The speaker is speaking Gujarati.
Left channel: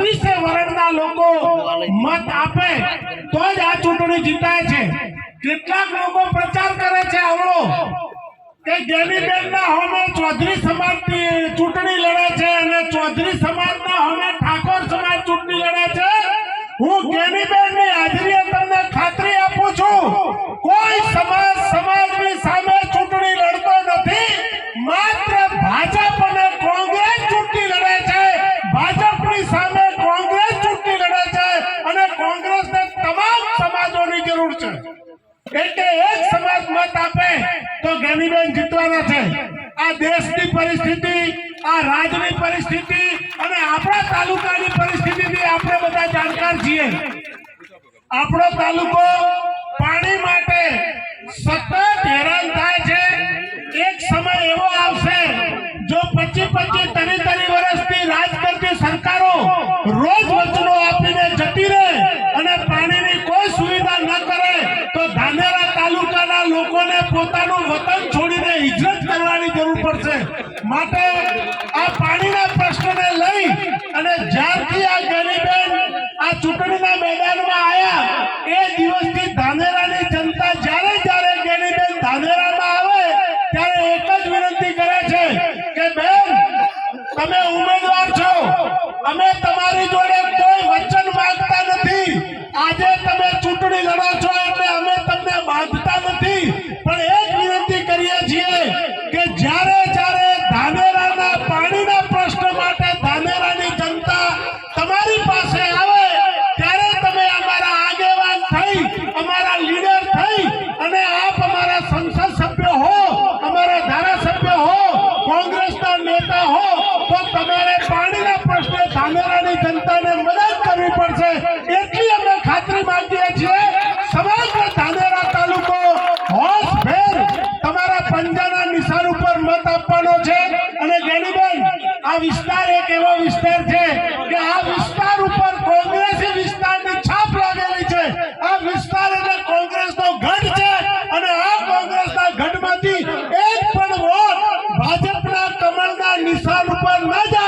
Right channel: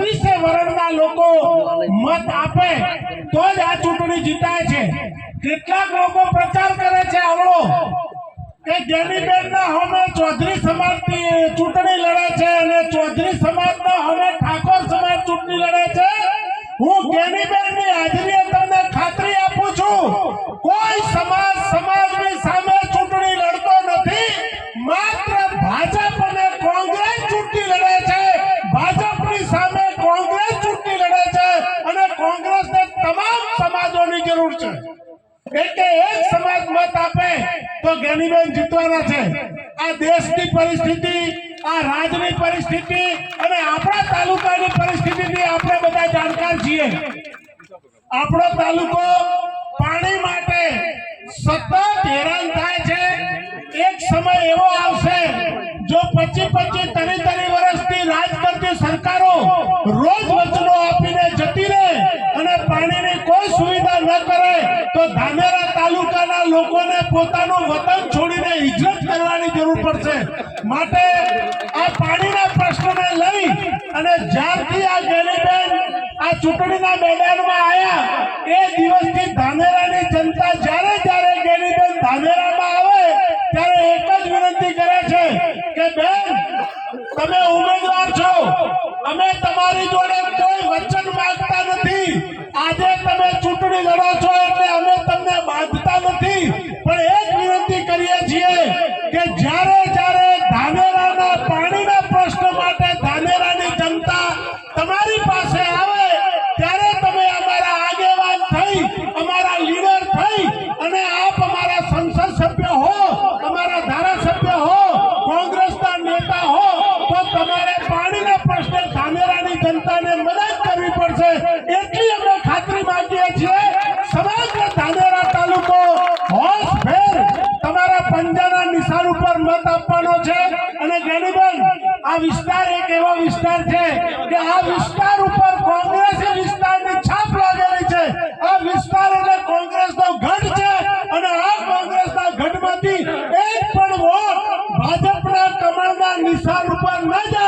36 વર્ણના લોકો મત આપે તો જ આ ચૂંટણી જીતાય છે। કેટલાક લોકો પ્રચાર કરે છે આવડો કે ગેનીબેનના હોમે ચૌધરી સમાજની ચૂંટણી લડે છે અને ચૌધરી સમાજના હોમે ઠાકોર સમાજ ચૂંટણી લડે છે। હું ગેનીબેનની હાજરીએ તમને ખાતરી આપું છું કોઈ સમાજ સમાજની સામે ચૂંટણી લડતો નથી। માત્ર ભાજપ અને કોંગ્રેસ ચૂંટણી લડે છે। ભાજપની સામે કોંગ્રેસ ચૂંટણી લડે છે અને કોંગ્રેસને તમામ સમાજોની જરૂર છે। એટલે એક સમાજ મત આપે તો ગેનીબેન જીતવાના છે। આ દેશની પરિસ્થિતિ, આ રાજ્યની પરિસ્થિતિ અને આપણા તાલુકાની પરિસ્થિતિથી આપણે બધા જાણકાર છીએ। આપણો તાલુકો પાણી માટે સતત હેરાન થાય છે। એક સમય એવો આવશે જો 25-30 વર્ષથી રાજ કરતી સરકારો રોજ વચનો આપીને જતી રહે અને પાણીની કોઈ સુવિધા ન કરે તો ધાનેરા તાલુકાના લોકોને પોતાનું વતન છોડીને હિજરત કરવાની જરૂર પડશે। માટે આ પાણીના પ્રશ્નને લઈ અને જ્યારથી આ ગેનીબેન આ ચૂંટણીના મેદાનમાં આવ્યા એ દિવસથી ધાનેરાની જનતા જ્યારે ગેનીબેન ધાનેરામાં આવે ત્યારે એક જ વિનંતી કરે છે કે બેન તમે ઉમેદવાર છો, અમે તમારી જોડે કોઈ વચન માંગતા નથી। આજે તમે ચૂંટણી લડો છો એટલે અમે તમને બાંધતા નથી, પણ એક વિનંતી કરીએ છીએ કે જ્યારે ધાનેરાના પાણીના પ્રશ્ન માટે ધાનેરાની જનતા તમારી પાસે આવે ત્યારે તમે અમારા આગેવાન થઈ, અમારા લીડર થઈ અને આપ અમારા સંસદ સભ્ય હો, અમારા ધારાસભ્ય હો, કોંગ્રેસના નેતા હો તો તમારે પાણીના પ્રશ્ને ધાનેરાની જનતાને મદદ કરવી પડશે। એટલી અમે ખાતરી માંગીએ છીએ। સમગ્ર ધાનેરા તાલુકો હોશભેર તમારા પંજાના નિશાન ઉપર મત આપવાનો છે। અને ગેનીબેન આ વિસ્તાર એક એવો વિસ્તાર છે કે આ વિસ્તાર ઉપર કોંગ્રેસી વિસ્તારની છાપ લાગેલી છે। આ વિસ્તાર એટલે કોંગ્રેસનો ગઢ છે અને આ કોંગ્રેસના ગઢમાંથી એક પણ વોટ ભાજપના કમળના નિશાન ઉપર ન જાય